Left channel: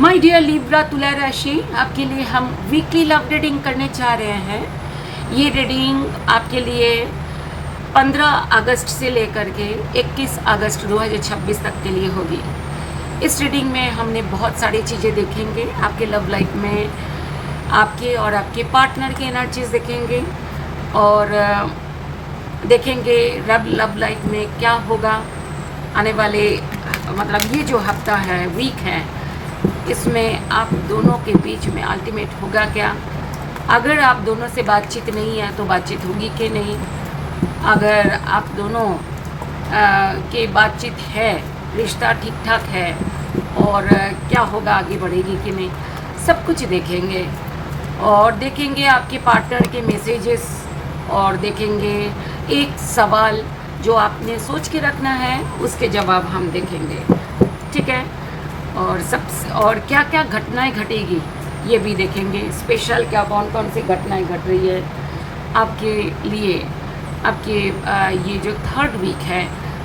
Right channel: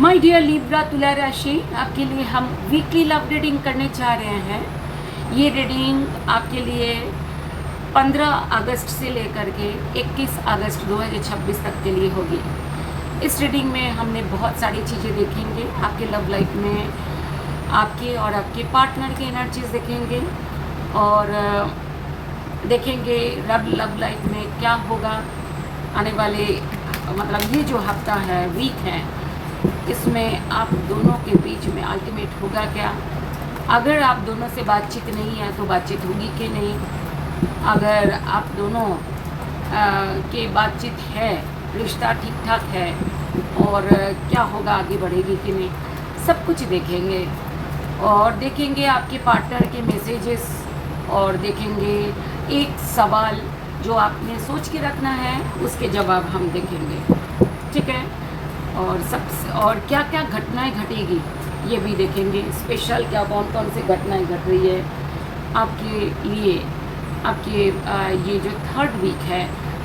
My dear Libra तुला राशि, आपके लिए हम वीकली लव रीडिंग करने जा रहे हैं। ये रीडिंग आपके लिए 15 अगस्त से लेकर के 21 अगस्त 2026 तक के लिए होगी। इस रीडिंग में हमने बहुत सारी चीज़ें देखेंगे। आपके लव लाइफ में आपके और आपके पार्टनर के एनर्जीज देखेंगे और देखेंगे रब लव लाइफ में क्या होगा आने वाले, मतलब ये जो हफ्ता है, वीक है, इसमें आप दोनों के बीच में अल्टीमेट होगा क्या। अगर आप दोनों से बातचीत नहीं है तो बातचीत होगी कि नहीं। अगर आप दोनों के बातचीत है, रिश्ता ठीक ठाक है और क्या होगा, आगे बढ़ेगी कि नहीं, सब कुछ देखेंगे। और देखेंगे आपके पार्टनर के मैसेजेस और देखेंगे एक सवाल जो आपने सोच के रखना है, उसके जवाब हम देखेंगे, ठीक है। और क्या क्या घटनाएं घटेगी ये भी देखेंगे। स्पेशल क्या कौन कौन सी घटनाएं घट रही है आपके लिए। आपके ये जो थर्ड वीक है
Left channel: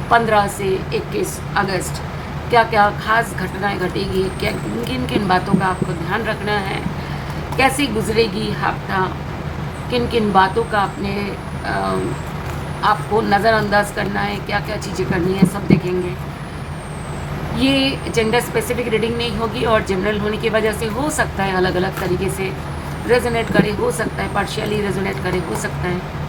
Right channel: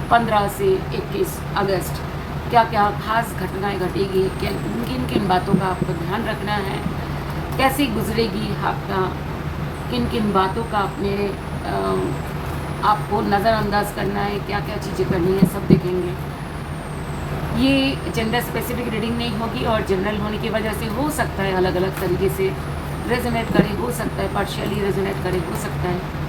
15 से 21 अगस्त, क्या क्या खास घटनाएं घटेगी, क्या किन किन बातों का आपको ध्यान रखना है, कैसी गुजरेगी हफ्ता, किन किन बातों का आपको नज़रअंदाज करना है, क्या क्या चीज़ें करनी है, सब देखेंगे। ये जेंडर स्पेसिफिक रीडिंग नहीं होगी और जनरल होने की वजह से हो सकता है अलग अलग तरीके से रेजोनेट करे, हो सकता है पार्शियली रेजोनेट करे, हो सकता है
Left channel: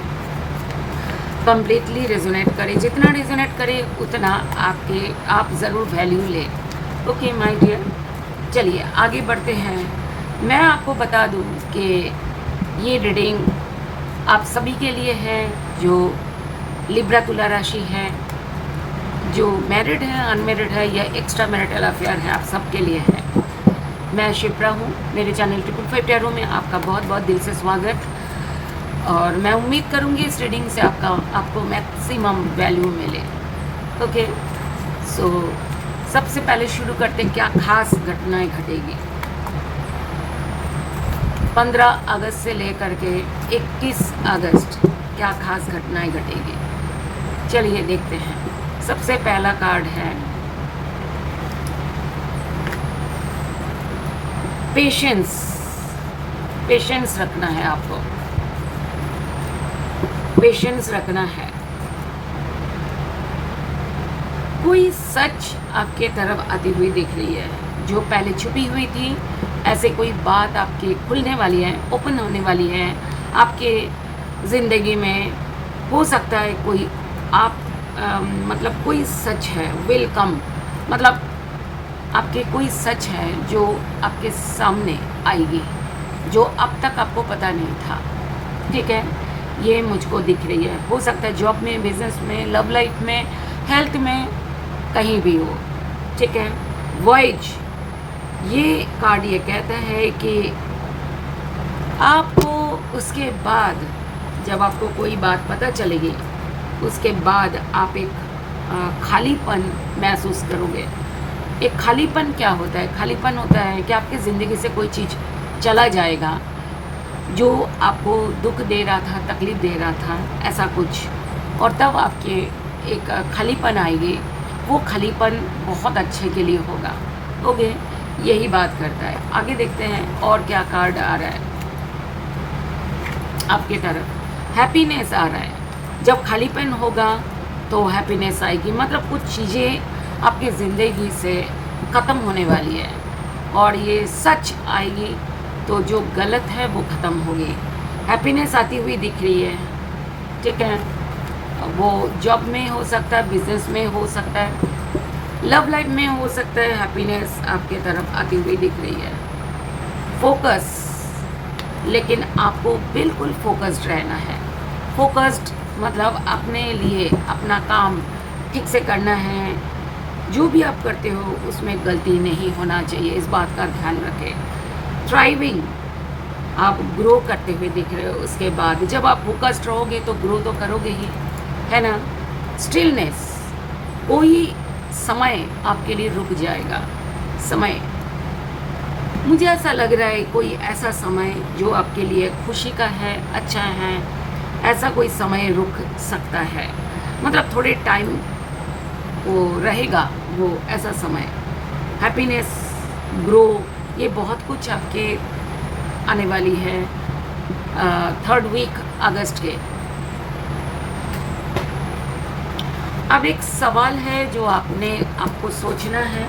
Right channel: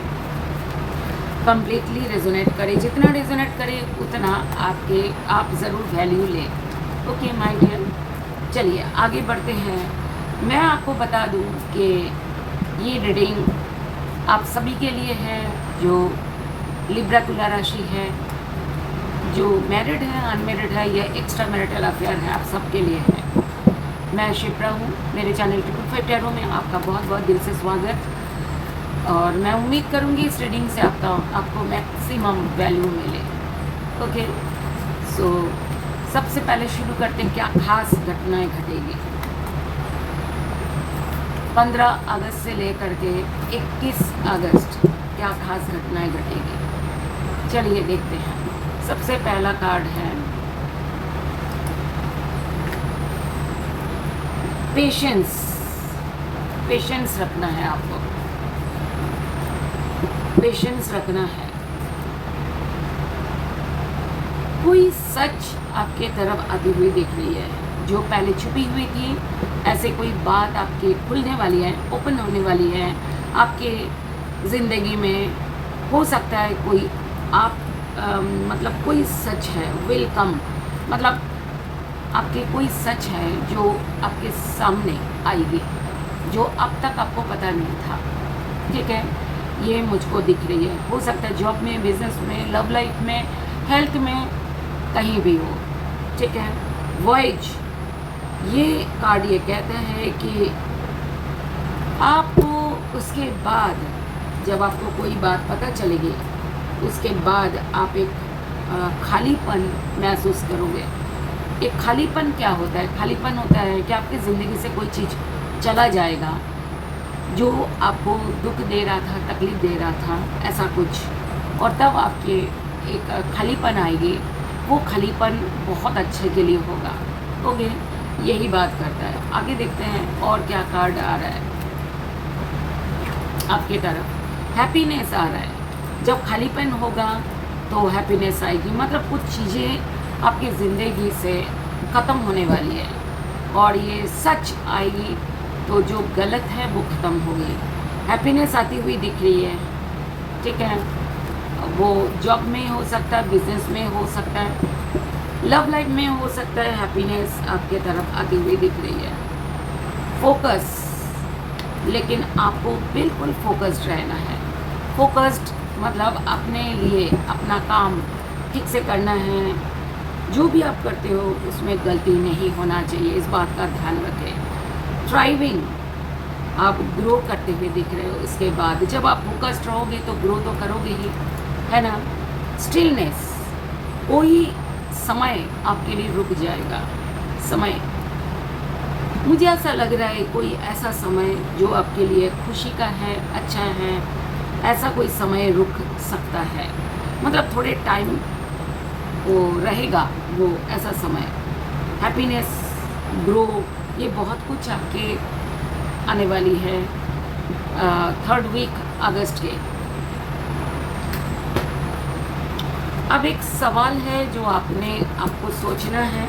कम्प्लीटली रेजोनेट करे। जितना रेजोनेट करे उतना आप ज़रूर वैल्यू लें। ओके माय डियर, चलिए आगे बढ़ते हैं। मैं आपको बता दूं कि ये रीडिंग आप सभी के लिए है जो लिब्रा तुला राशि है, जो मैरिड है, अनमैरिड है या एक्स्ट्रा मैरिटल अफेयर है, आप सबके लिए है। मैं शिप्रा हूँ, मेरे चैनल 555 टैरो में आपका बहुत बहुत दिल से स्वागत। और मैं उम्मीद करूँगी इस रीडिंग से आपको मैक्सिमम वैल्यू मिले। ओके, सो सबसे पहले शुरू करते हैं क्या खास घटनाएं घटेगी 15 अगस्त से लेकर के 21 अगस्त, क्या खास घटनाएं घटेगी। चलिए देखते हैं। सबसे पहला कार्ड है पेशेंस। पेशेंस रखना है आपको, पेशेंस रखना है। कोई सच आपके तरफ आती हुई दिख रही है जो पहले छुपी हुई थी। ऐसे कोई बात आपकी खुलने वाली है, ओपन होने वाली है आपके ज़िंदगी में। हो सकता है कोई मतलब कोई सच है, वेलकम, मतलब आपके कोई सच है जो आपके सामने आएगी, जो अब तक आपको पता नहीं था, ठीक है। ये मुझको दिख रही है। हो सकता है जॉब में, बिजनेस में, लव लाइफ में, हेल्थ में, कहीं भी हो, ठीक है। वॉयज, ये कार्ड ये कहता है कि आपको उसके बाद, जब आपको कोई बात पता चलेगी, उसके बाद आप एक खालीपन महसूस करोगे। एक खालीपन क्या होता है? खालीपन होता है कि आपकी ज़िंदगी से कोई चीज़ चला जाएगा जो आपको दुख दे रहा था, तकलीफ़ दे रहा था, ऐसा कुछ, और तब आपके एक खालीपन आएगी। वो खालीपन बहुत अच्छे के लिए होगा। ओके, यही बात करता है। आगे देखते हैं और क्या कार्ड आ रहा है आपकी तरफ। हैप्पीनेस आ रहा है। जब खालीपन होगा तो हैप्पीनेस आएगी, मतलब कुछ चीज़ें आपकी ज़िंदगी से ख़त्म होने वाली है और ये सच आएगी, तो जो गलत है वो ख़त्म होगी। हैप्पीनेस आती हुई दिख रही है, ठीक है। वो जॉब में हो सकता है, बिजनेस में हो सकता है, लव लाइफ में हो सकता है। हैप्पीनेस आपके तरफ आती हुई दिख रही है। फोकस, लेकिन आपको बिल्कुल फोकस्ड रहना है। फोकस्ड मतलब अपने लिए अपना काम ठीक से करना है। जो भी आप करते हो उसमें गलती नहीं होना चाहिए, इस बात का ध्यान रखें। थ्राइविंग, आप ग्रो करते हुए दिख रहे हो। उसके बाद जब आप फोकस्ड रहोगे तो ग्रो तो करोगे ही, है ना। स्टिलनेस, कोई समय आपके लिए रुक जाएगा। समय, मुझे ऐसा लग रहा है कोई ऐसा समय जो आपके लिए खुशी का है, अच्छा है, ऐसा कोई समय रुक सकता है। मतलब थोड़े टाइम वो रहेगा, वो ऐसा समय। हैप्पीनेस ग्रो, ये बहुत कुछ आपके आने वाली है 3rd वीक अगस्त के। अब एक सवाल है जो आपको सोचना है,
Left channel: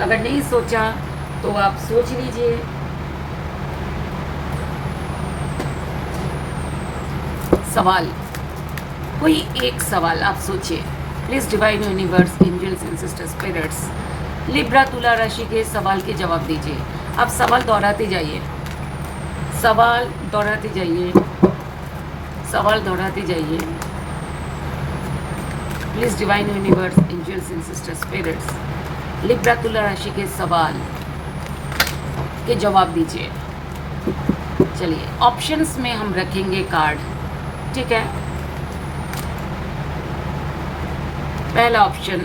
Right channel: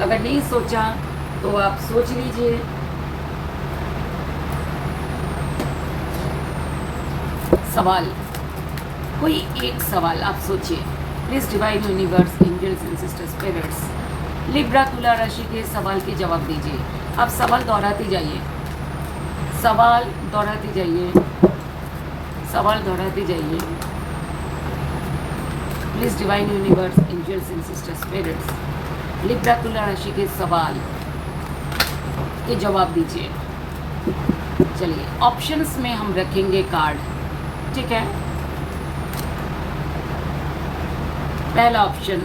अगर नहीं सोचा तो आप सोच लीजिए। सवाल, कोई एक सवाल आप सोचिए। Please divine universe, angels and sisters, spirits, Libra तुला राशि के सवाल के जवाब दीजिए। आप सवाल दोहराते जाइए, सवाल दोहराते जाइए, सवाल दोहराते जाइए। Please divine universe, angels and sisters, spirits, Libra तुला राशि के सवाल के जवाब दीजिए। चलिए, ऑप्शंस में हम रखेंगे कार्ड, ठीक है। पहला ऑप्शन,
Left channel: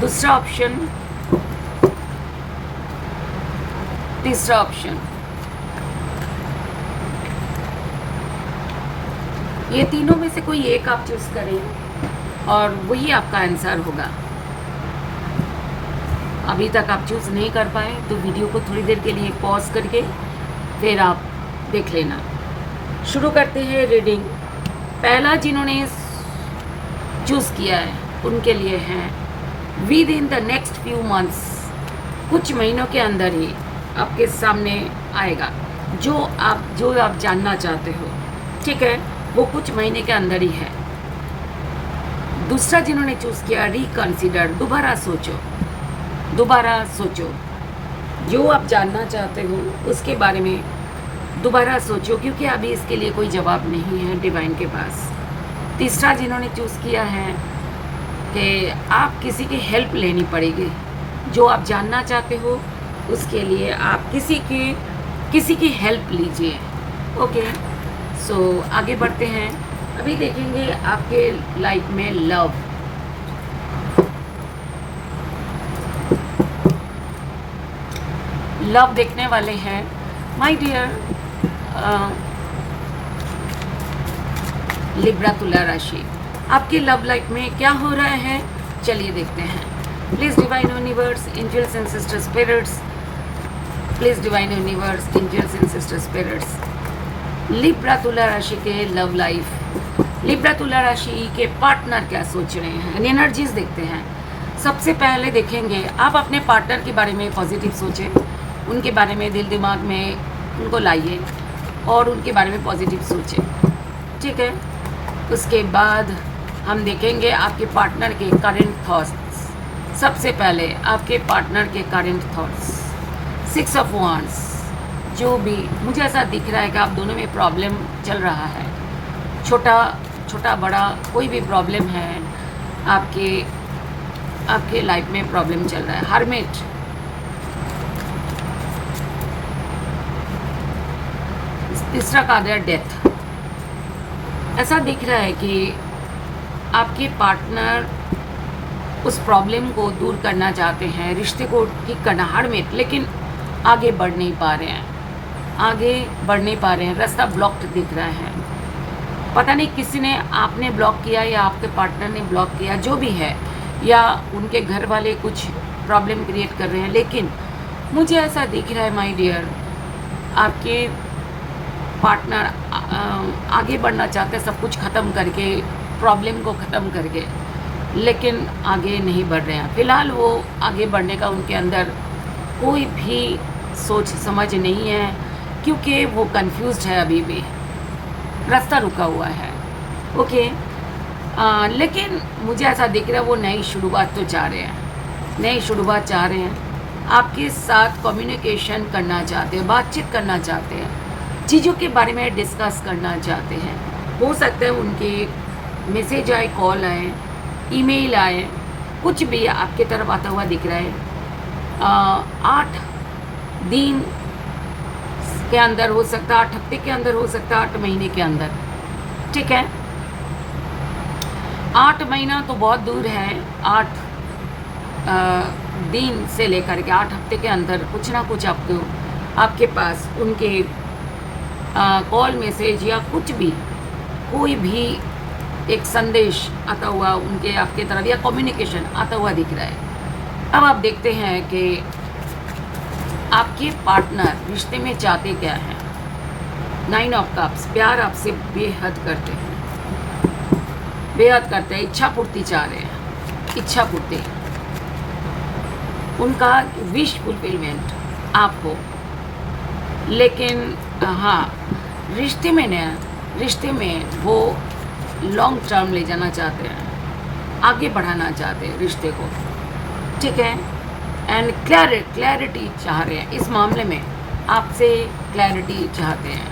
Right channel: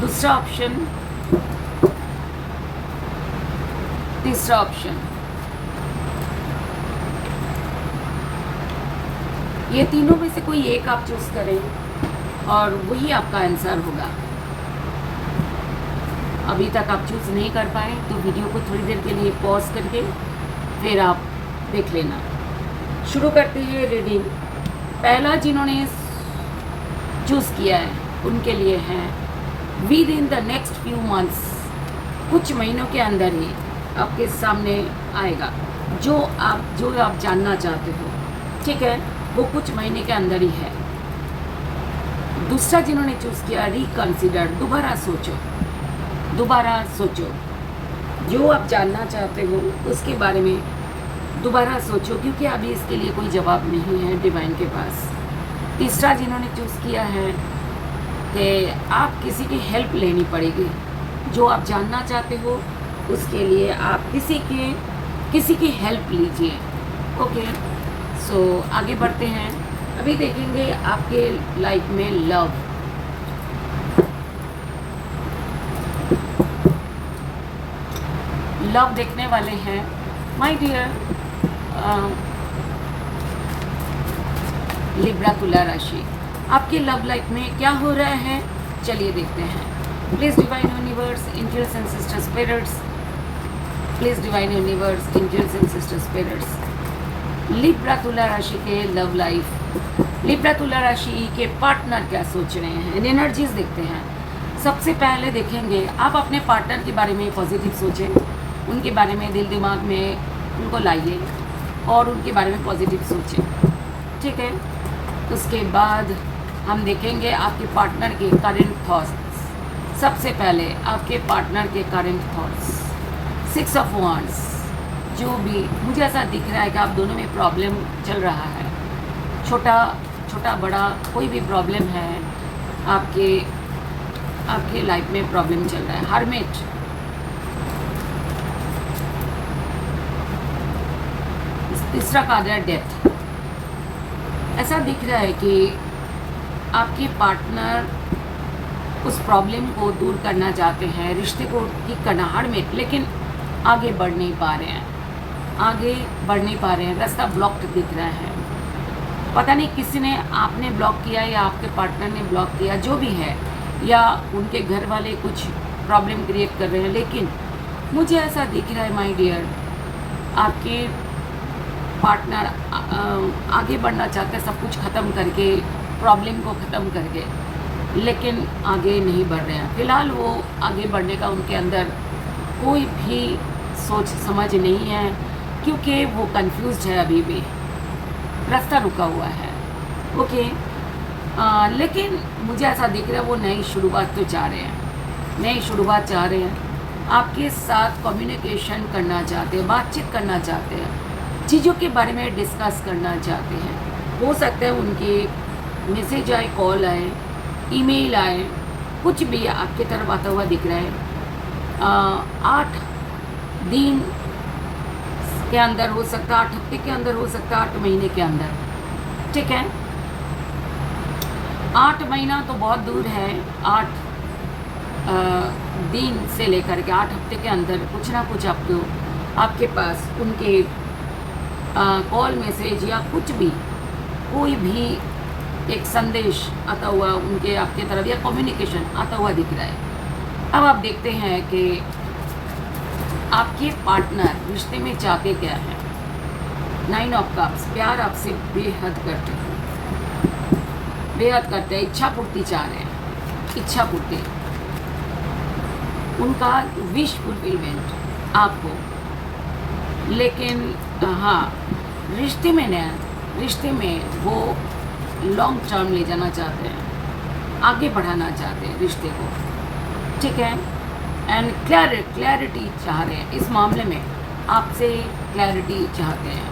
दूसरा ऑप्शन, तीसरा ऑप्शन। ये तीनों में से कोई एक आप चूज करें और वही आपका आंसर होगा। अभी तक आप चूज नहीं कर पाए तो वीडियो को थोड़ी देर के लिए पॉज करके फिर आप देख लेना। शुरू करते हैं रीडिंग। पहला जिन्होंने चूज किया है उनके लिए है with in the next few months, कुछ महीनों के अंदर ही आपके सामने आएगा जो आप जानना चाहते हो, ठीक है, वो कुछ महीने के अंदर ही है। दूसरा जिन्होंने चूज किया रिकंसिडर, दोबारा सोचो, दोबारा सोचो, जो आप जानना चाहते हो उसके बारे में दोबारा सोचो, क्योंकि अभी इसके लिए कोई जवाब नहीं है डिवाइन के पास। तीसरा जिन्होंने चूज़ किया है कि आप किसी की हेल्प लेनी पड़ेगी, जो आप जानना चाहते हो उसके लिए आप किसी की हेल्प लीजिए। ओके, सो आगे बढ़ते हैं। अभी देखेंगे आपके लाइफ में लव देखने वाले हैं माय डियर लिब्रा तुला राशि। आपके लव लाइफ में क्या हो रहा है, चलिए देखते हैं। Please divine universe, angels and sister spirits, please divine universe, angels and sister spirits, Libra तुला राशि के लव लाइफ, लिब्रा तुला राशि के पार्टनर क्या सोच रहे हैं, एनर्जीज देखते हैं। सबसे पहले देखेंगे आप अपने पार्टनर के बारे में पॉजिटिव सोचें, उनके बारे में दिल दिमाग में उनको लाइए और उनके बारे में पॉजिटिव सोचें, ठीक है। उसके बाद हम देखेंगे आपके पार्टनर के करंट थॉट्स। सबसे पहले आपके पार्टनर के करंट थॉट्स, 6 ऑफ वांड्स। जो भी मुझे ऐसा दिख रहा है कि आप दोनों में प्रॉब्लम चल रहा है, छोटा बड़ा कोई भी प्रॉब्लम है, आपके लाइफ में प्रॉब्लम चल रहा है। हर्मिट, तीसरा कार्ड है डेथ। ऐसा दिख रहा है कि आपके पार्टनर उस प्रॉब्लम को दूर करना चाहते हैं, रिश्ते को ठीक करना, हर्मिट, लेकिन आगे बढ़ नहीं पा रहे हैं, रास्ता ब्लॉक्ड दिख रहा है। पता नहीं किसी ने, आपने ब्लॉक किया या आपके पार्टनर ने ब्लॉक किया, जो भी है, या उनके घर वाले कुछ प्रॉब्लम क्रिएट कर रहे हैं, लेकिन मुझे ऐसा दिख रहा है माय डियर, आपके पार्टनर आगे बढ़ना चाहते हैं, सब कुछ ख़त्म करके, प्रॉब्लम को ख़त्म करके, लेकिन आगे नहीं बढ़ रहे हैं। फ़िलहाल वो आगे बढ़ने का उनके अंदर कोई भी सोच समझ नहीं है, क्योंकि वो कंफ्यूज्ड है, अभी भी रास्ता रुका हुआ है। ओके, लेकिन मुझे ऐसा दिख रहा है वो नई शुरुआत तो चाह रहे हैं, आपके साथ कम्युनिकेशन करना चाहते हैं, बातचीत करना चाहते हैं, चीज़ों के बारे में डिस्कस करना चाहते हैं। हो सकता है उनके मैसेज आए, कॉल आए, ईमेल आए, कुछ भी आपके तरफ आता हुआ दिख रहा है। 8 दिन के अंदर हो सकता है, 8 हफ्ते के अंदर हो सकता है, 8 महीने के अंदर, ठीक है। 8 महीना तो बहुत दूर है, 8 दिन से लेकर के 8 हफ्ते के अंदर कुछ ना कुछ आपके पास उनके कॉल, मैसेज या कुछ भी, कोई भी एक संदेश आता हुआ उनके आपके तरफ या कम्युनिकेशन आता हुआ दिख रहा है। अब आप देखते हैं कि आपके पार्टनर रिश्ते में चाहते क्या हैं। 9 ऑफ कप्स, प्यार आपसे बेहद करते हैं, बेहद करते हैं, इच्छा पूर्ति चाह रहे हैं, इच्छा पूर्ति, उनका विश फुलफिलमेंट आप हो। लेकिन हाँ, रिश्ते में वो लॉन्ग टर्म ले जाना चाहते हैं, आगे बढ़ाना चाहते हैं रिश्ते को, ठीक है। एंड क्लैरिटी चाह रहे हैं इस मामले में, आपसे क्लैरिटी चाहते हैं,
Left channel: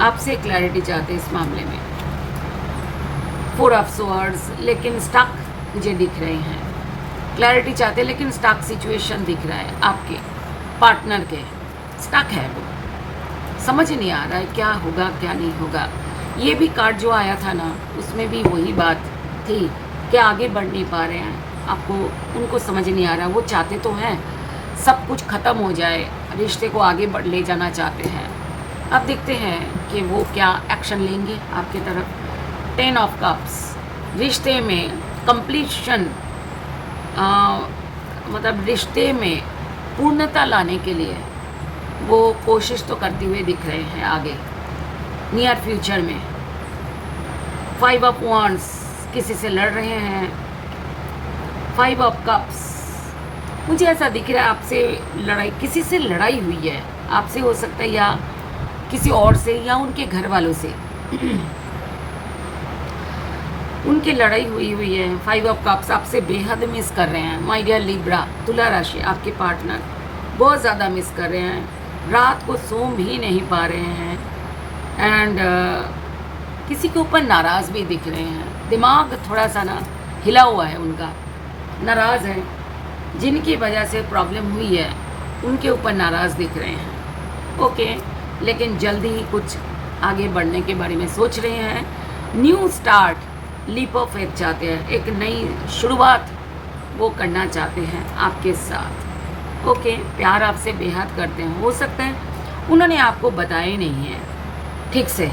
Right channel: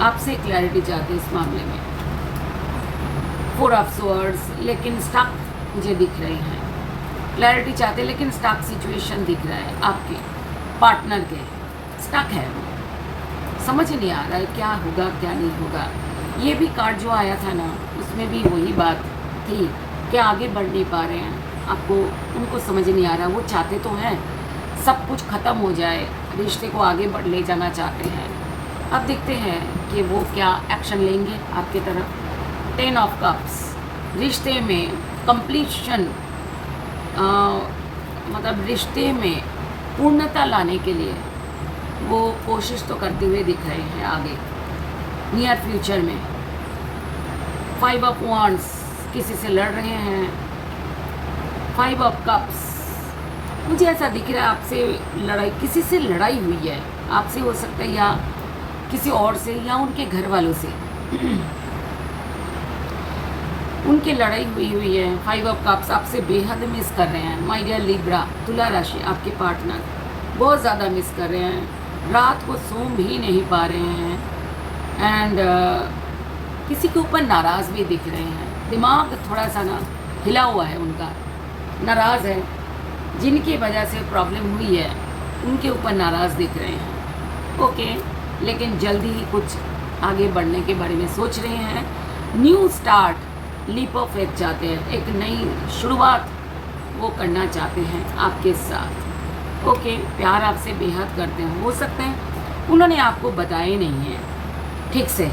आपसे क्लैरिटी चाहते हैं इस मामले में। 4 ऑफ स्वॉर्ड्स, लेकिन स्टक मुझे दिख रहे हैं। क्लैरिटी चाहते हैं लेकिन स्टक सिचुएशन दिख रहा है, आपके पार्टनर के स्टक है, वो समझ नहीं आ रहा है क्या होगा क्या नहीं होगा। ये भी कार्ड जो आया था ना, उसमें भी वही बात थी कि आगे बढ़ नहीं पा रहे हैं, आपको उनको समझ नहीं आ रहा। वो चाहते तो हैं सब कुछ ख़त्म हो जाए, रिश्ते को आगे बढ़ ले जाना चाहते हैं। अब देखते हैं कि वो क्या एक्शन लेंगे आपकी तरफ। 10 ऑफ कप्स, रिश्ते में कंप्लीशन, मतलब रिश्ते में पूर्णता लाने के लिए वो कोशिश तो करते हुए दिख रहे हैं आगे नियर फ्यूचर में। 5 ऑफ वांड्स, किसी से लड़ रहे हैं। 5 ऑफ कप्स, मुझे ऐसा दिख रहा है आपसे लड़ाई, किसी से लड़ाई हुई है, आपसे हो सकता है या किसी और से या उनके घर वालों से उनकी लड़ाई हुई है। 5 ऑफ कप्स आपसे बेहद मिस कर रहे हैं माय डियर लिब्रा, तुला राशि। आपके पार्टनर बहुत ज़्यादा मिस कर रहे हैं, रात को सो भी नहीं पा रहे हैं। एंड किसी के ऊपर नाराज़ भी दिख रहे हैं, दिमाग थोड़ा सा ना हिला हुआ है उनका, नाराज़ है, जिनकी वजह से प्रॉब्लम हुई है उनके ऊपर नाराज़ दिख रहे हैं। ओके, लेकिन जल्दी ही कुछ आगे बढ़ने के बारे में सोच रहे हैं। New start, leap of faith चाहते हैं, एक नई शुरुआत वो करना चाहते हैं आपके साथ। ओके, प्यार आपसे बेहद करते हैं, हो सकता है उन्होंने आपको बताया नहीं है ठीक से,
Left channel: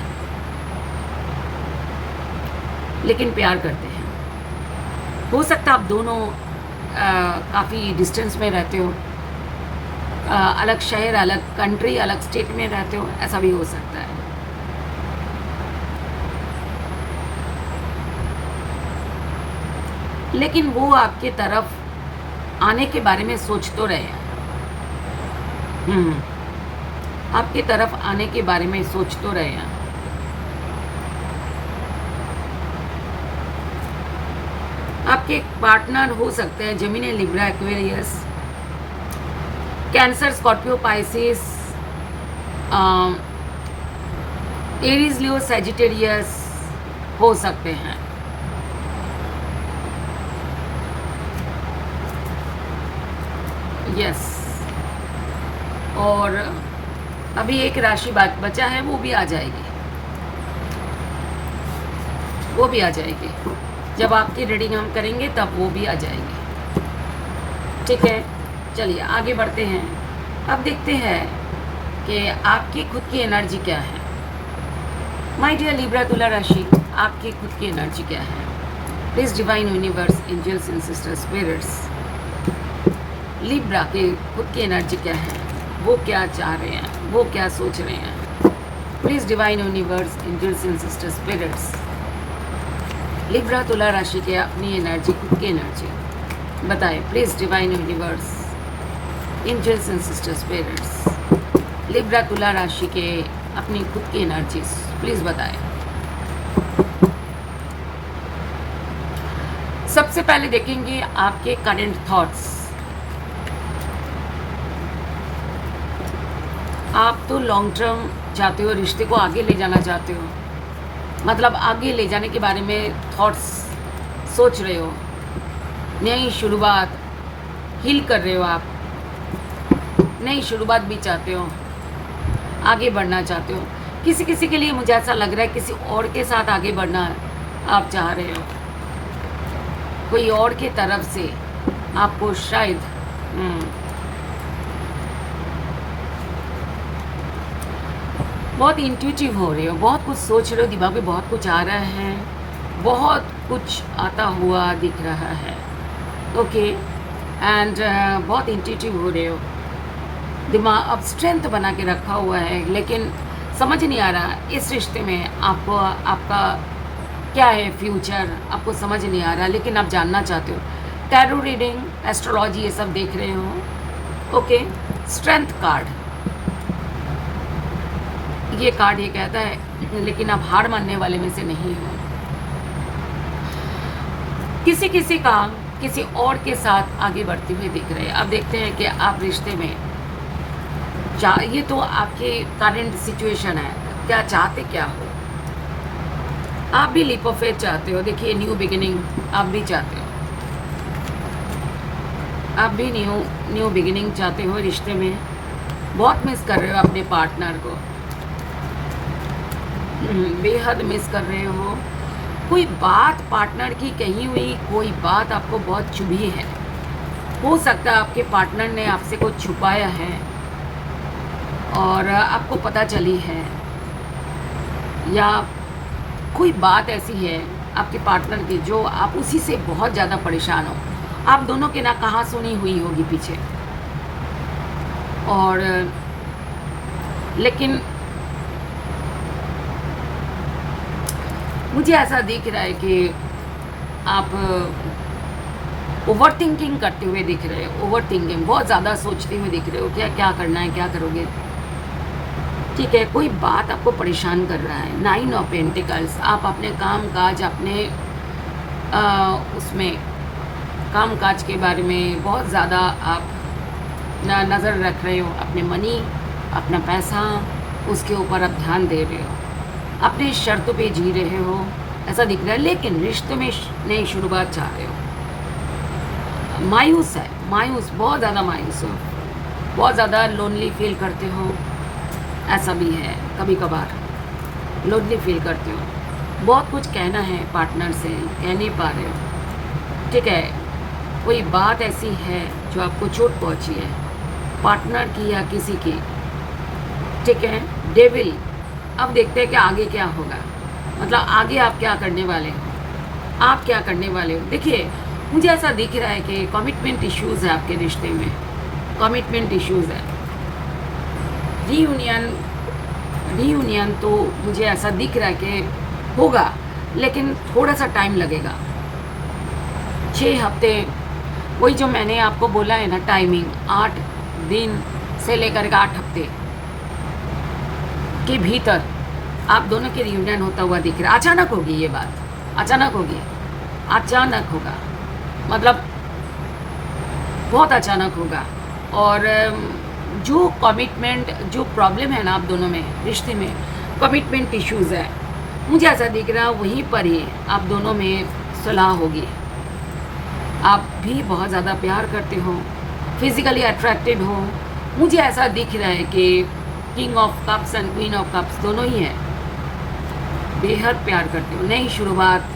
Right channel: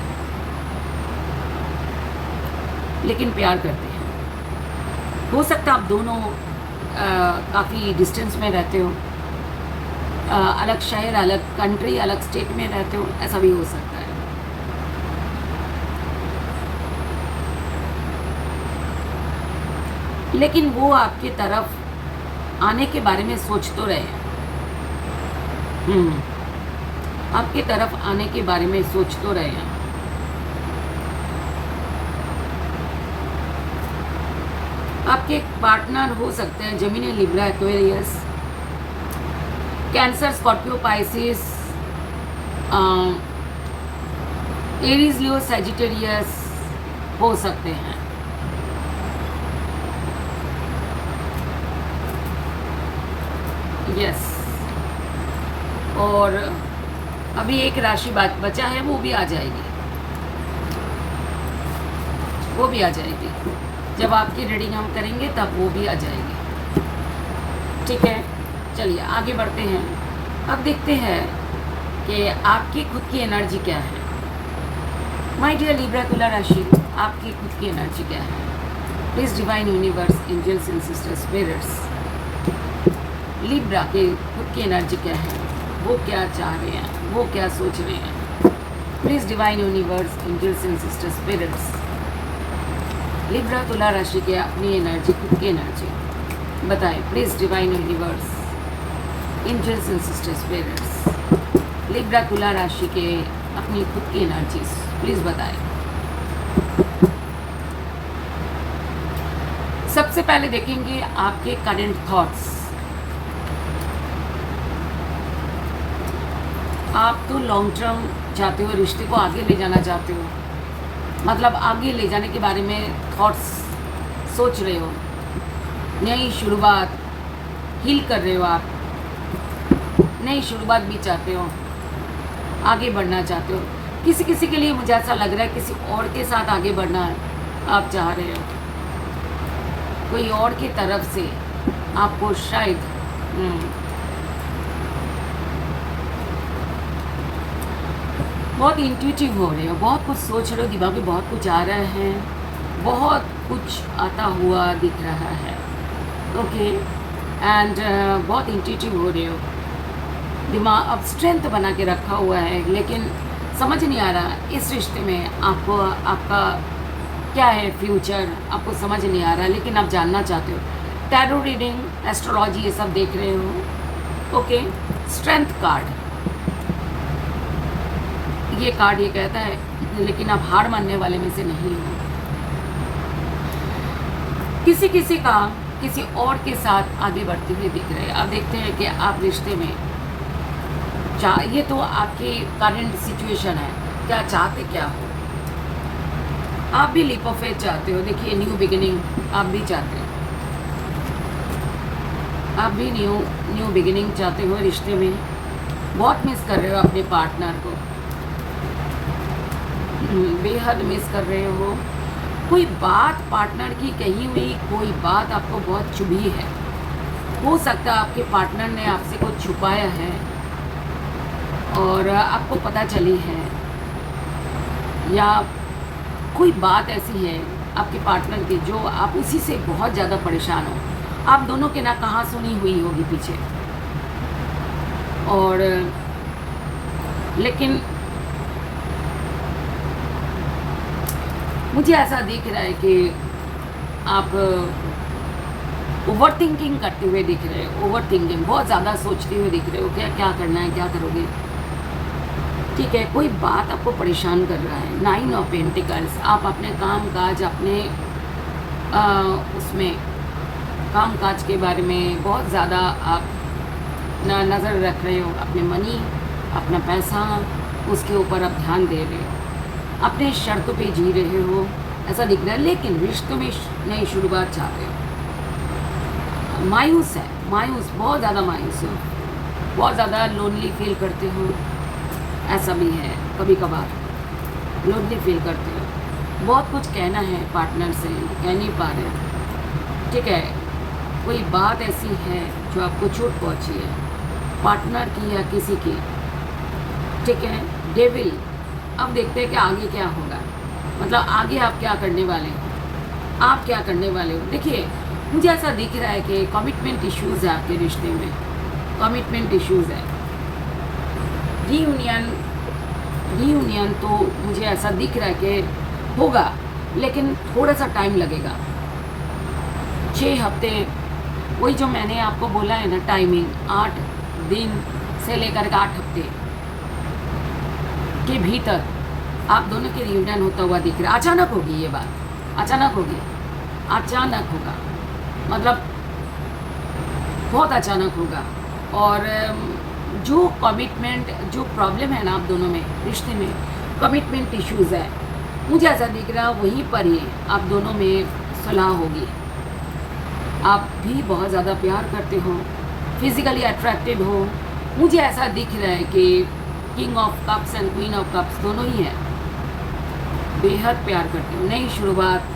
लेकिन प्यार करते हैं। हो सकता है आप दोनों काफ़ी डिस्टेंस में रहते हो, अलग शहर, अलग कंट्री, अलग स्टेट में रहते हो, ऐसा भी हो सकता है। लेकिन वो आपके तरफ आने के बारे में सोच तो रहे हैं, आपके तरफ आने के बारे में सोच तो रहे हैं। आपके पार्टनर हो सकते हैं Gemini, Libra, Aquarius, Cancer, Scorpio, Pisces, Aries, Leo, Sagittarius हो सकते हैं। यस, और अभी एक राशि बचा है, वो भी आ जाएगी, वो भी आ जाएगी। जब आपकी रीडिंग हम करेंगे तब वो भी आ जाएगी, ठीक है। चलिए आगे बढ़ते हैं। अब देखते हैं कि आपकी खुद की एनर्जी क्या है। माय डियर लिब्रा, तुला राशि, आपकी खुद की एनर्जी क्या है। Please divine universe, angels and sister spirits, Libra के खुद की एनर्जी क्या है, वो क्या चाह रहे हैं, वो क्या सोच रहे हैं। Please divine universe, angels and sister spirits, Libra तुला राशि के अपनी एनर्जी, खुद की एनर्जी बताएं। Please divine universe, angels and sister spirits, Libra तुला राशि के अपनी खुद की एनर्जीज प्लीज बताएं। सबसे पहले देखेंगे आपके करंट थॉट्स। आप तो लॉन्ग टर्म चाहते हो, रिश्ते को आगे ले जाना चाहते हो, मतलब आगे ले जाने के बारे में थॉट्स सोच रहे हो, नई शुरुआत हील कर रहे हो, आप नई शुरुआत भी चाहते हो, आगे बढ़ना चाहते हो। किसी किसी के लिए मुझे ऐसा लग रहा है किसी और के साथ आगे बढ़ना आप चाह रहे हो, कोई और की तरफ से आपको शायद बहुत इंट्यूटिव हो रहे हो, बहुत कुछ सोच रहे हो, दिमाग में बहुत कुछ आ रहा है, बहुत कुछ आता हुआ दिख रहा है। ओके एंड बहुत इंट्यूटिव हो रहे हो, दिमाग अब स्ट्रेंथ बना के रखा हुआ है, लेकिन समझ नहीं आ रहा इस रिश्ते में आपको आपका क्या है फ्यूचर, आपको समझ नहीं आ रहा, लेकिन आप जानना चाहते हो। टैरो रीडिंग, एस्ट्रोलॉजी ये सब देख रहे हो। ओके, स्ट्रेंथ कार्ड, ये कार्ड ये कहता है लेकिन आप हार मानने वाले में से नहीं हो। किसी किसी का किसी और के साथ आगे बढ़ते हुए दिख रहे हैं। अब देखते हैं कि आप रिश्ते में ये तो आपकी करंट सिचुएशन है, क्या चाहते क्या हो। आप भी लीप ऑफ फेथ चाहते हो, देखिए न्यू बिगिनिंग आप भी चाहते हो, आप भी न्यू बिगिनिंग चाहते हो रिश्ते में। बहुत मिस कर रहे हो अपने पार्टनर को, बेहद मिस कर रहे हो। कोई बात पार्टनर की कही हुई, कोई बात आपको बहुत चुभी है। हो सकता है आपके पार्टनर ने आपसे कुछ छुपाया है और आपको पता चली है, या कोई बात ऐसी है आपके पार्टनर की जो आप उसी से बहुत ज़्यादा परेशान हो। आप दोनों के ना कहाँ सुनी हुई होगी पीछे, और लेकिन मुझे ऐसा दिख रहा है कि आप ओवर थिंकिंग करते हुए दिख रहे हो। ओवर थिंकिंग, बहुत ज़्यादा सोचते हुए दिख रहे हो, क्या क्या करना है, क्या करोगे। ठीक है, कोई बात आपको परेशान कर रहा है। 9 ऑफ पेंटिकल्स, आप अपने काम काज, अपने उसमें काम काज के बारे में बहुत ज़्यादा आप नज़र रख रहे हो। अपने मनी, अपना पैसा, उसके ऊपर आप ध्यान दे रहे हो, अपने शर्तों पे जी रहे हो, ऐसा दिख रहा है। लेकिन रिश्तों में नई शुरुआत चाहते हो। मायूस है, मायूस, बहुत ज़्यादा मायूस हो, बहुत ज़्यादा लोनली फील करते हो, ऐसा भी है। कभी कभार लोनली फील करते हो, बहुत कुछ कहना है पार्टनर से, कह नहीं पा रहे हो। ठीक है, कोई बात ऐसी है जो आपको चोट पहुंची है, पार्टनर की या किसी की। ठीक है, डेविल। अब देखते हैं कि आगे क्या होगा, मतलब आगे आप क्या करने वाले हो, आप क्या करने वाले हो। देखिए, मुझे ऐसा दिख रहा है कि कमिटमेंट इश्यूज़ है आपके रिश्ते में, कमिटमेंट इश्यूज़ है। रीयूनियन तो मुझे ऐसा दिख रहा है कि होगा, लेकिन थोड़ा सा टाइम लगेगा। 6 हफ्ते, वही जो मैंने आपको बोला है ना टाइमिंग, 8 दिन से लेकर के 8 हफ्ते के भीतर आप दोनों के रियूनियन होता हुआ दिख रहा है। अचानक होगी ये बात, अचानक होगी, अचानक होगा, मतलब बहुत अचानक होगा। और जो कमिटमेंट, जो प्रॉब्लम है ना आप दोनों में, रिश्ते में कमिटमेंट इश्यूज़ है, मुझे ऐसा दिख रहा है वहीं पर ही आप दोनों में सुलह होगी। आप भी बहुत ज़्यादा प्यार करते हो, फिज़िकली अट्रैक्टेड हो। मुझे ऐसा दिख रहा है कि king of cups and queen of cups दोनों ही हैं, बेहद प्यार करते हो, नई शुरुआत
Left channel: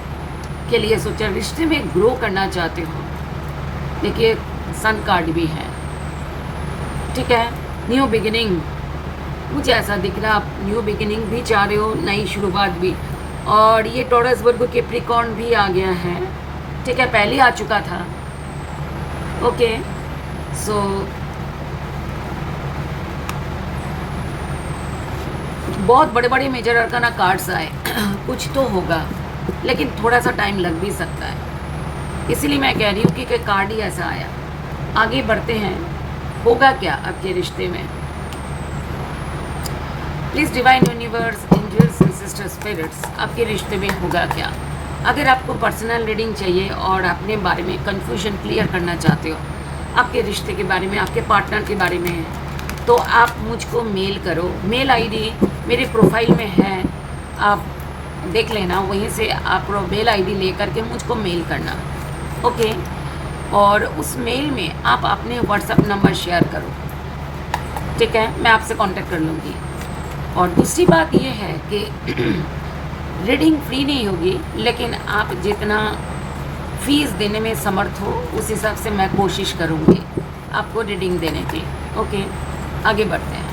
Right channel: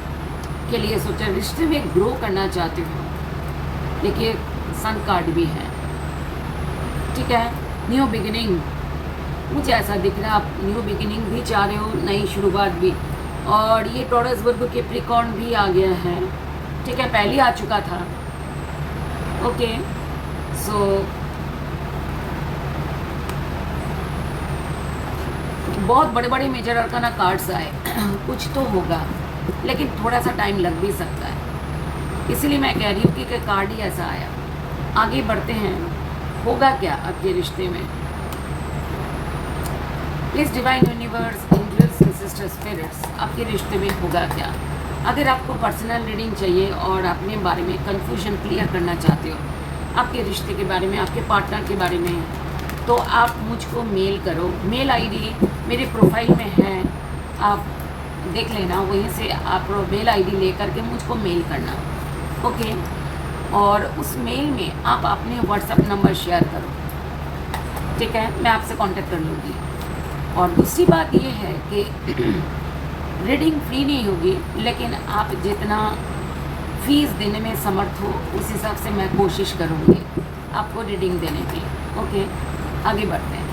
के लिए सोचा, रिश्ते में ग्रो करना चाहते हो। देखिए सन कार्ड भी है। ठीक है, न्यू बिगिनिंग, मुझे ऐसा दिख रहा है आप न्यू बिगिनिंग भी चाह रहे हो, नई शुरुआत भी। और ये टॉरस वर्गो के प्रिकॉर्न भी आ गया है। ठीक है, पहले आ चुका था। ओके, सो बहुत बड़े बड़े मेजर अरकाना कार्ड्स आए कुछ तो होगा, लेकिन थोड़ा सा टाइम लग भी सकता है। इसीलिए मैं कह रही हूँ कि कार्ड ही ऐसा आया। आगे बढ़ते हैं, होगा क्या आपके रिश्ते में। Please divine universe, angels and sister spirits, आपके रिश्ते में होगा क्या। अगर आपको पर्सनल रीडिंग चाहिए और अपने बारे में कंफ्यूजन क्लियर करना चाहते हो, आपके रिश्ते के बारे में, आपके पार्टनर के बारे में, तो आप मुझको मेल करो। मेल आईडी मेरे प्रोफाइल में है, आप देख लेना, वहीं से आप मेल आईडी लेकर के मुझको मेल करना। ओके, और उस मेल में आप अपने व्हाट्सएप नंबर शेयर करो। ठीक है, मैं आपसे कांटेक्ट कर लूँगी। और दूसरी बात ये है कि रीडिंग फ्री नहीं होगी, लेकिन आप जितना फीस देने में समर्थ हो उस हिसाब से मैं कोशिश करूँगी आपको रीडिंग देने की। ओके, आगे बढ़ते हैं।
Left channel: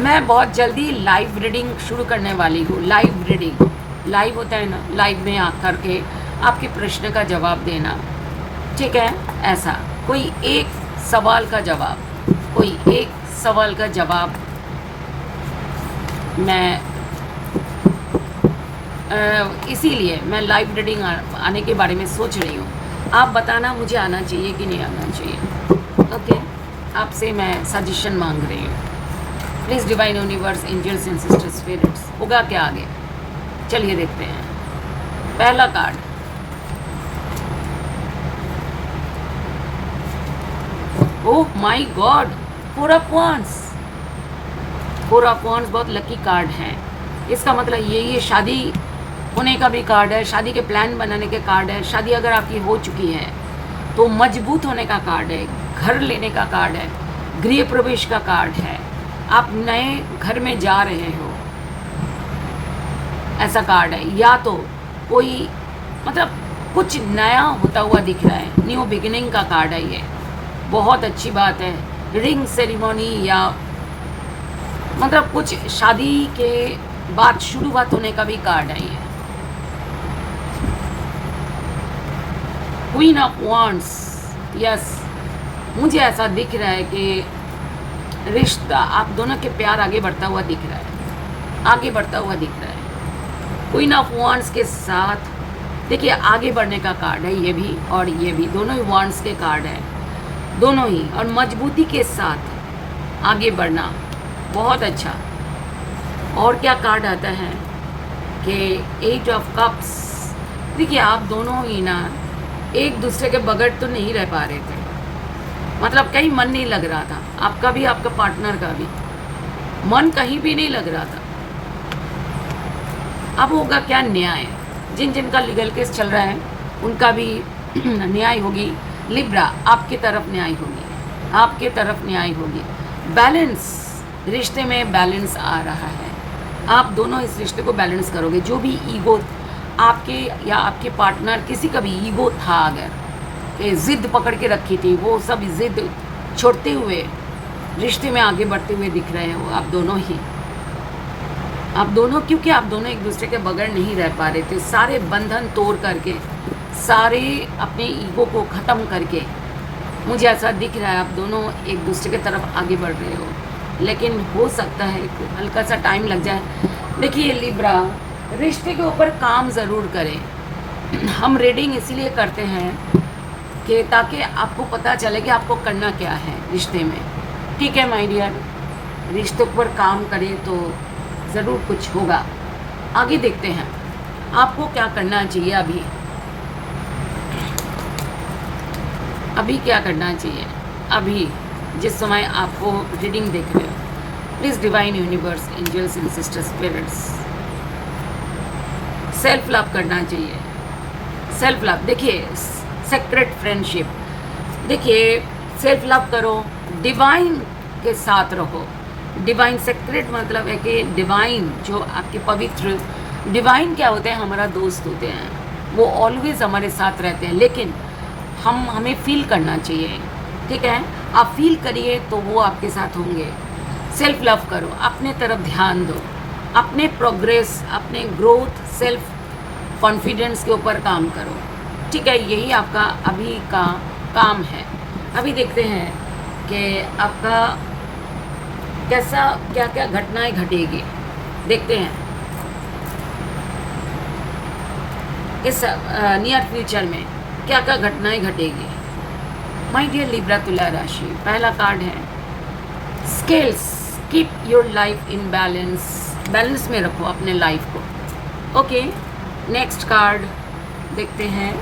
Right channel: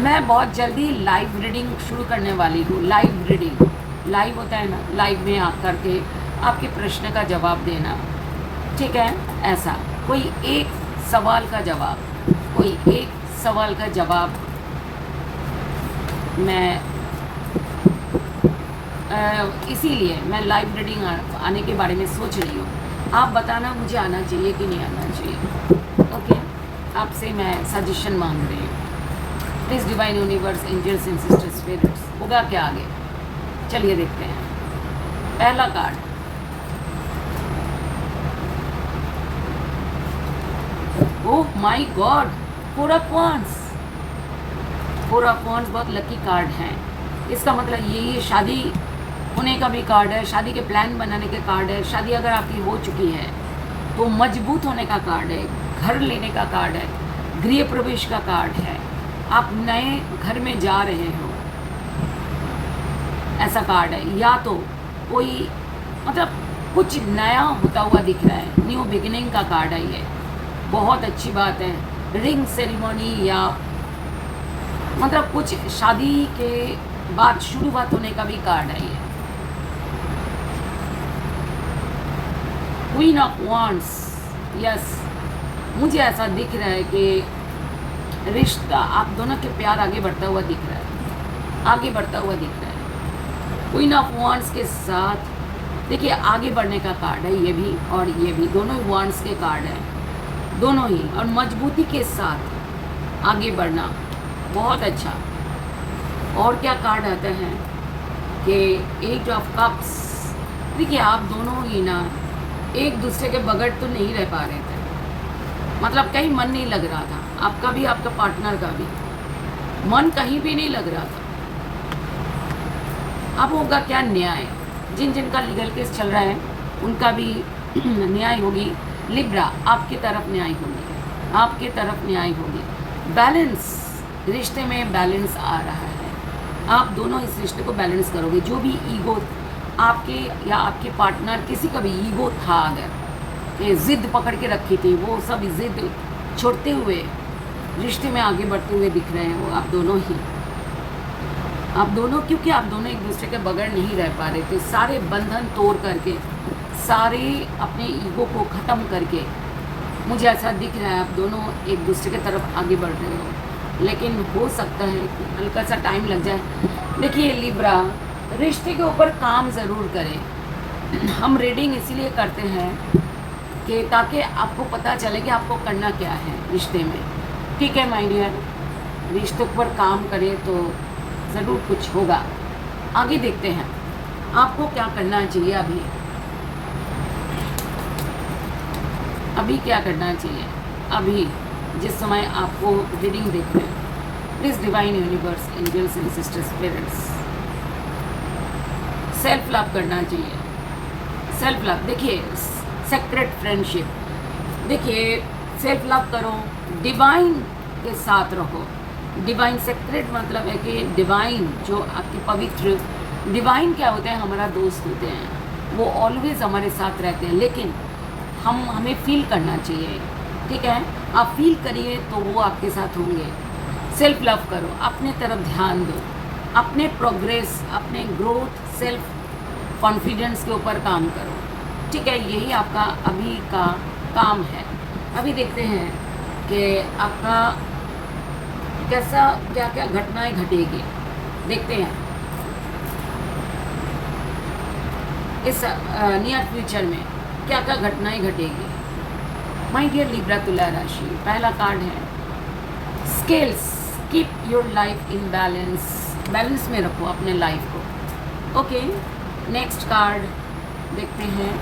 मैं बहुत जल्दी लाइव रीडिंग शुरू करने वाली हूँ। लाइव रीडिंग, लाइव होता है ना, लाइव में आकर के आपके प्रश्न का जवाब देना, ठीक है। ऐसा कोई एक सवाल का जवाब, कोई एक सवाल का जवाब मैं इसीलिए मैं लाइव रीडिंग आने के बारे में सोच रही हूँ। आप बताना मुझे आना चाहिए कि नहीं आना चाहिए। ओके, आपसे मैं सजेशन मांग रही हूँ। Please divine universe, angels and sisters, spirits, होगा क्या आगे? चलिए देखते हैं। पहला card, oh my god, 4 of wands. 4 of wands बहुत लकी कार्ड है। इसका मतलब ये शादी होने का भी कार्ड है, शादी के प्लान बनाने के कार्ड है। शादी अगर आपकी हो चुकी है तो मजबूत होने का कार्ड है, घर लेने का कार्ड है, गृह प्रवेश का कार्ड है, आप नए घर में जा रहे हो, ऐसा कार्ड है। या तो कोई मतलब कुछ नया होता हुआ दिख रहा है, न्यू बिगिनिंग का कार्ड है ये, बहुत अच्छी बात है। रिंग सेरेमनी या मतलब कुछ शादी के बाद शुरुआत होने का भी कार्ड है ये। क्वीन ऑफ वांड्स, यस, मुझे ऐसा दिख रहा है कि रिश्ता आप दोनों के प्यार आगे बढ़ता हुआ दिख रहा है, आगे बढ़ता हुआ दिख रहा है। क्वीन ऑफ वांड्स के साथ देखिए आगे बढ़ने का कार्ड है ये भी और ये भी, दोनों ही वांड्स के कार्ड हैं, दोनों ही, और मजबूती के साथ आगे बढ़ना, बहुत अच्छा। और क्या कार्ड आता है कि 8 ऑफ कप्स। देखिए आप दोनों ही ना एक दूसरे के बगैर तो नहीं रह पा रहे थे, मतलब कहीं मन नहीं लग रहा था, आपका भी आपका पार्टनर का भी मन कहीं भी नहीं लग रहा था। अब होगा क्या? न्याय। जिन जिनका लीगल केस चल रहा है उनका भी न्याय होगी। लिब्रा, आपकी तरफ न्याय होगी, आपके तरफ न्याय होगी। बैलेंस, रिश्ते में बैलेंस आ रहा है, आप दोनों इस रिश्ते को बैलेंस करोगे। जो भी ईगो आपके या आपके पार्टनर, किसी का भी ईगो था अगर कि ज़िद पकड़ के रखी थी, वो सब ज़िद छोड़ते हुए रिश्ते में आगे बढ़ते हुए दिख रहे हो आप दोनों ही, आप दोनों, क्योंकि आप दोनों एक दूसरे के बगैर नहीं रह पा रहे थे। सारे बंधन तोड़ करके, सारे अपने ईगो को ख़त्म करके, मुझे ऐसा दिख रहा है आप दोनों एक दूसरे की तरफ आगे बढ़ रहे हो। लेकिन हो सकता है हल्का सा टाइम लग जाए। देखिए लिब्रा, रिश्ते के ऊपर काम ज़रूर करें। हम रीडिंग इसीलिए करते हैं कि ताकि आपको पता चले कि आपको करना क्या है रिश्ते में, ठीक है माय डियर। रिश्तों पर काम करें तो ज़रूर कुछ होगा। आगे देखते हैं आपको क्या करना चाहिए। अभी क्या करना चाहिए, अभी जिस समय आपको रीडिंग देख रहे हो। Please divine universe, angels and sister spirits, self love करना चाहिए। सेल्फ लव, देखिए सेक्रेट फ्रेंडशिप, देखिए सेल्फ लव करो, डिवाइन के साथ रहो। डिवाइन, सेक्रेट मतलब है कि डिवाइन जो आपके पवित्र, डिवाइन क्या होते हैं? हमारा दोस्त होते हैं, वो ऑलवेज हमारे साथ रहते हैं, लेकिन हमें फील करना चाहिए, ठीक है। आप फील करिए तो वो आपके साथ होंगे। सेल्फ लव करो, अपने तरफ ध्यान दो, अपने प्रोग्रेस, अपने ग्रोथ, सेल्फ कॉन्फिडेंस के ऊपर काम करो, ठीक है। यही आपका अभी का काम है। अभी देखते हैं कि आपका कैसा, क्या क्या घटनाएं घटेगी, देखते हैं इस नियर फ्यूचर में क्या क्या घटनाएं घटेगी। माय डियर लिब्रा, तुला राशि, पहला कार्ड है scales. Keep your life in balance, balance में रखो अपने लाइफ को, ओके। नेक्स्ट कार्ड देखते हैं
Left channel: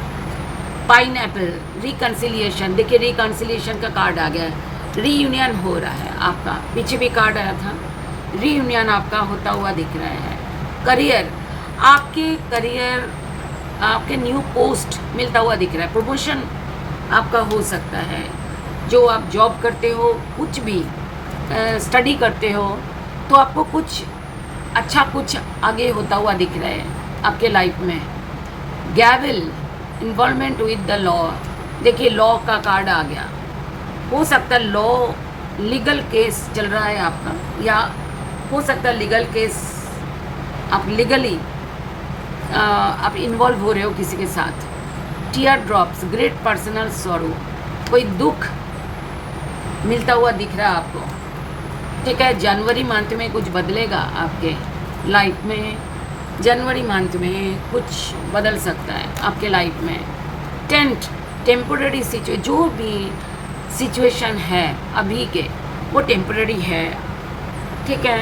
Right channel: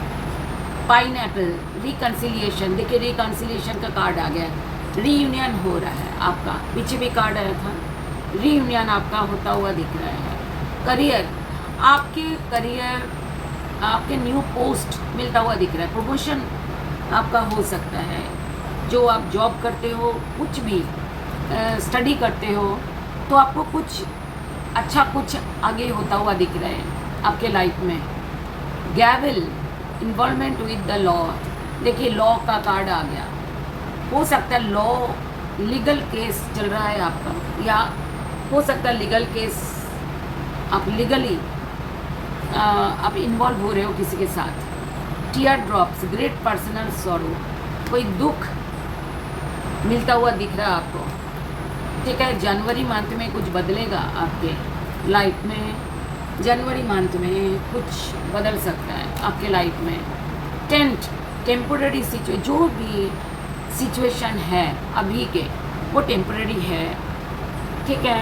पाइनएप्पल, रिकन्सिलिएशन। देखिए रिकन्सिलिएशन का कार्ड आ गया है, रीयूनियन हो रहा है आपका। पीछे भी कार्ड आया था, रीयूनियन आपका होता हुआ दिख रहा है। करियर, आपके करियर, आपके न्यू पोस्ट मिलता हुआ दिख रहा है। प्रमोशन आपका हो सकता है, जो आप जॉब करते हो, कुछ भी स्टडी करते हो, तो आपको कुछ अच्छा कुछ आगे होता हुआ दिख रहा है आपके लाइफ में। गैवल, इन्वॉल्वमेंट विद द लॉ, देखिए लॉ का कार्ड आ गया, हो सकता है लॉ लीगल केस चल रहा है आपका, या हो सकता है लीगल केस आप लीगली आप इन्वॉल्व हो रहे हो किसी के साथ। Tear drops, great personal sorrow, कोई दुख मिलता हुआ दिख रहा है आपको, ठीक है। जनवरी मंथ में कुछ बदलेगा आपके लाइफ में, जनवरी मंथ में कुछ बदल सकता है आपके लाइफ में। टेम्पोररी सिचुएशन, जो भी सिचुएशन है अभी के वो टेम्पोररी है, ठीक है।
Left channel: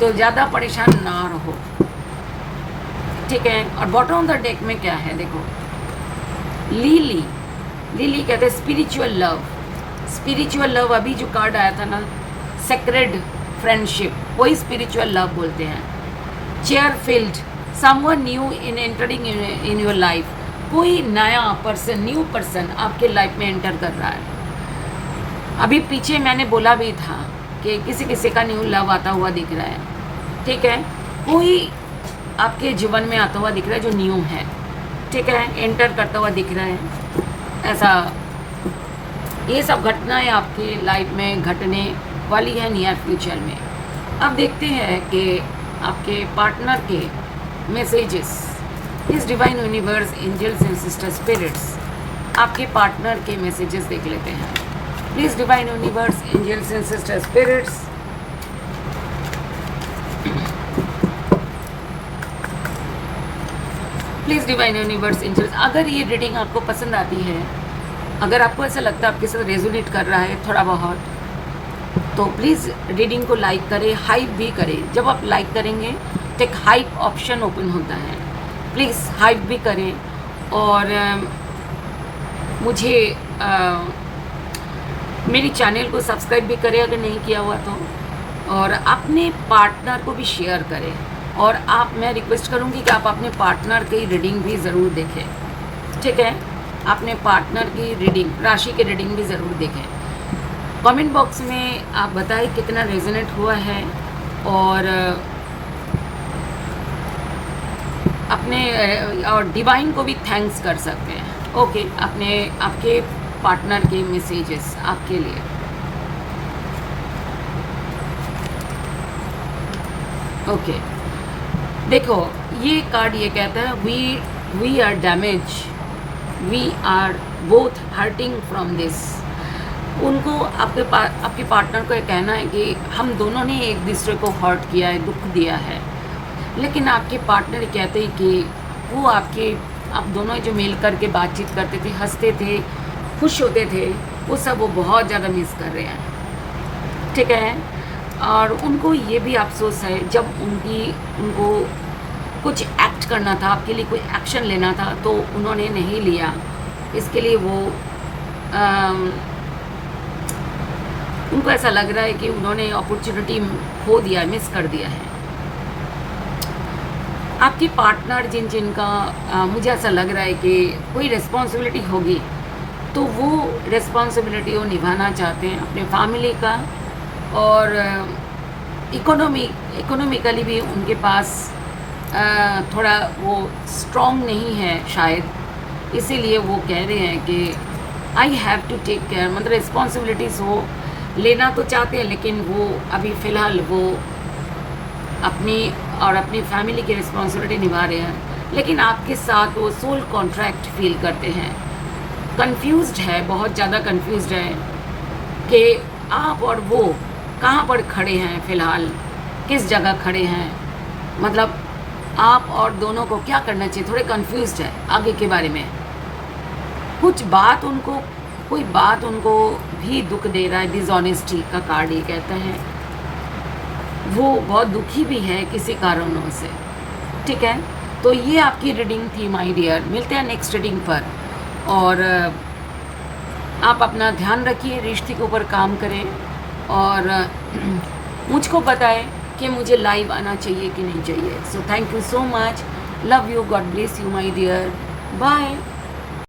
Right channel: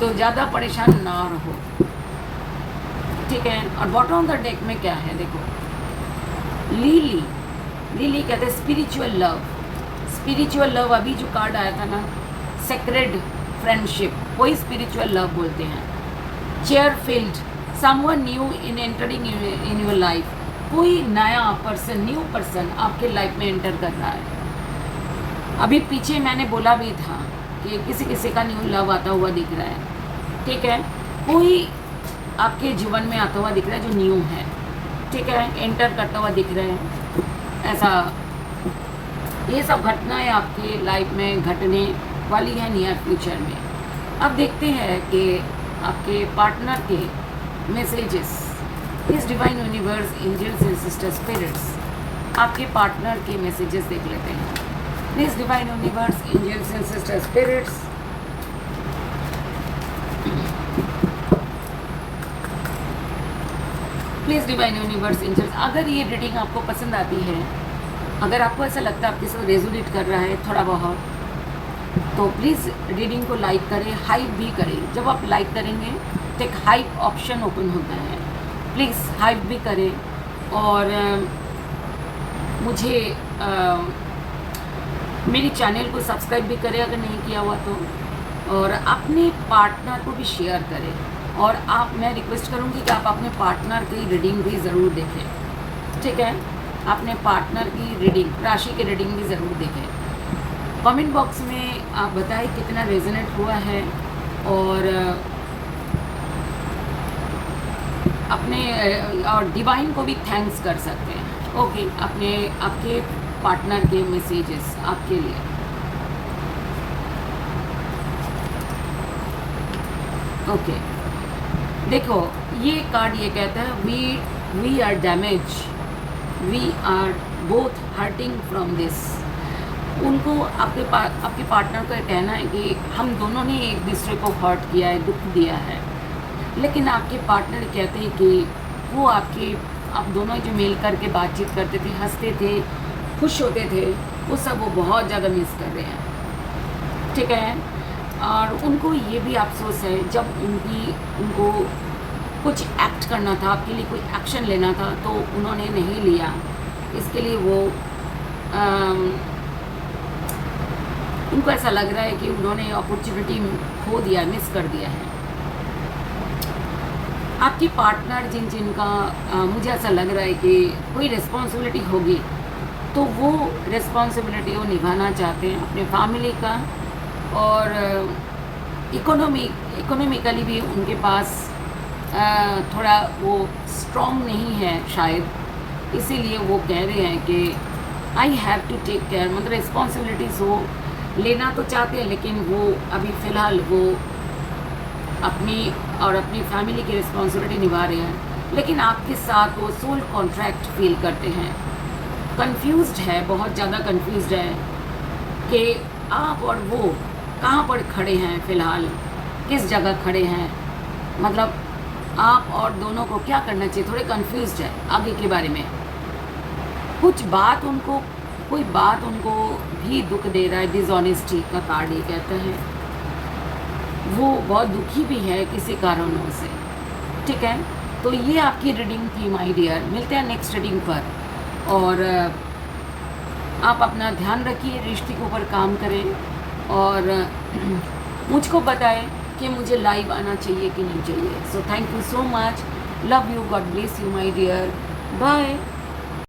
तो ज़्यादा परेशान ना रहो, ठीक है। और बॉटम ऑफ द डेक में क्या है देखो, लिली, लिली कहते हैं स्पिरिचुअल लव। स्पिरिचुअल लव अभी जो कार्ड आया था ना, सेक्रेड फ्रेंडशिप, वही स्पिरिचुअल लव बोलते हैं। चेयरफिल्ड, someone new in entering in your life, कोई नया पर्सन, न्यू पर्सन आपके लाइफ में एंटर कर रहा है। अभी पीछे मैंने बोला भी था कि किसी किसी का न्यू लव आता हुआ दिख रहा है, ठीक है। कोई आपके जीवन में आता हुआ दिख रहा है जो न्यू है, ठीक है, एंटर करता हुआ दिख रहा है। ऐसा ये सब घटनाएं आपके लाइफ में घटने वाली है नियर फ्यूचर में। अब देखते हैं कि आपके पार्टनर के मैसेजेस, इस divine universe, angels and sister spirits, आपके पार्टनर के मैसेजेस देख लेते हैं। Please divine universe, angels and sister spirits, please divine universe, angels, अगर ये रीडिंग आपको पसंद आती है, अगर आपको ऐसा लगता है आपके साथ रेजोनेट कर रहा है थोड़ा बहुत, तो प्लीज़ रीडिंग को लाइक करें, हाइप भी करें। जब आप लाइक करेंगे तो एक हाइप ऑप्शन ओपन होता है, प्लीज़ हाइप भी करें। और मुझे मेरी चैनल को सब्सक्राइब भी करें अगर नहीं किया हुआ तो, और अपने पार्टनर को भी शेयर करें। और मैं रिक्वेस्ट करूँगी कि आप अपने पार्टनर की रीडिंग भी ज़रूर देखें, ठीक है। अपने पार्टनर की रीडिंग, राशि की रीडिंग भी ज़रूर देखें। कमेंट बॉक्स में आप बताएं कितना रेजोनेट हुआ है, और अपने और डिवाइन को भी थैंक्स कर सकते हैं, ओके। आपके पार्टनर के मैसेजेस आपके लिए, ओके। देखो ये कार्ड ये कहता है we are damage, we are both hurting from this. उनको आपके पार्टनर को ये कहना है कि हम दोनों ने एक दूसरे को हर्ट किया है, दुख दिया है, लेकिन आपके पार्टनर कहते हैं कि वो आप दोनों जो मिल करके बातचीत करते थे, हंसते थे, खुश होते थे, वो सब वो बहुत ज़्यादा मिस कर रहे हैं, ठीक है। और उनको ये भी अफसोस है जब उनको कुछ एक्ट करना था, आपके लिए कोई एक्शन लेना था तो उन्होंने नहीं लिया। इसके लिए वो उनको ऐसा लग रहा है कि उन्होंने अपॉर्चुनिटी खो दिया है, मिस कर दिया है। आपकी पार्टनर जिनका मुझे ऐसा लग रहा है कि कोई रिस्पॉन्सिबिलिटी होगी तो वो रिस्पॉन्सिबिलिटी वो निभाना चाहते हैं अपने फैमिली का, और इकोनॉमिकली भी उनके पास थोड़ा वो स्ट्रॉन्ग नहीं है शायद, इसीलिए वो कह रहे हैं कि I have to take care, मतलब रिस्पॉन्सिबिलिटीज़ वो लेना तो चाहते हैं, लेकिन वो अभी फ़िलहाल वो अपनी और अपनी फैमिली की रिस्पॉन्सिबिलिटी निभा रहे हैं, लेकिन आपके साथ वो सोल कॉन्ट्रैक्ट फील करते हैं। कंफ्यूज्ड है, बहुत ज़्यादा कंफ्यूज्ड है कि आप और वो कहाँ पर खड़े हैं फ़िलहाल, किस जगह खड़े हैं, मतलब आप और दोनों को क्या करना चाहिए। थोड़े कंफ्यूज्ड है आगे के बारे में। कोई बात उनको भी दुख दे रहा है। डिसऑनेस्टी का कार्ड ये कहते हैं वो बहुत दुखी भी है किसी कारणों से, ठीक है। तो ये आपकी रीडिंग थी माय डियर। मिलते हैं नेक्स्ट रीडिंग पर, और आप अपना ध्यान रखिए, रिश्ते के ऊपर काम करें, और मुझको बताएं कि मुझे लाइव आना चाहिए कि नहीं चाहिए। So thank you so much, love you, god bless you my dear, bye.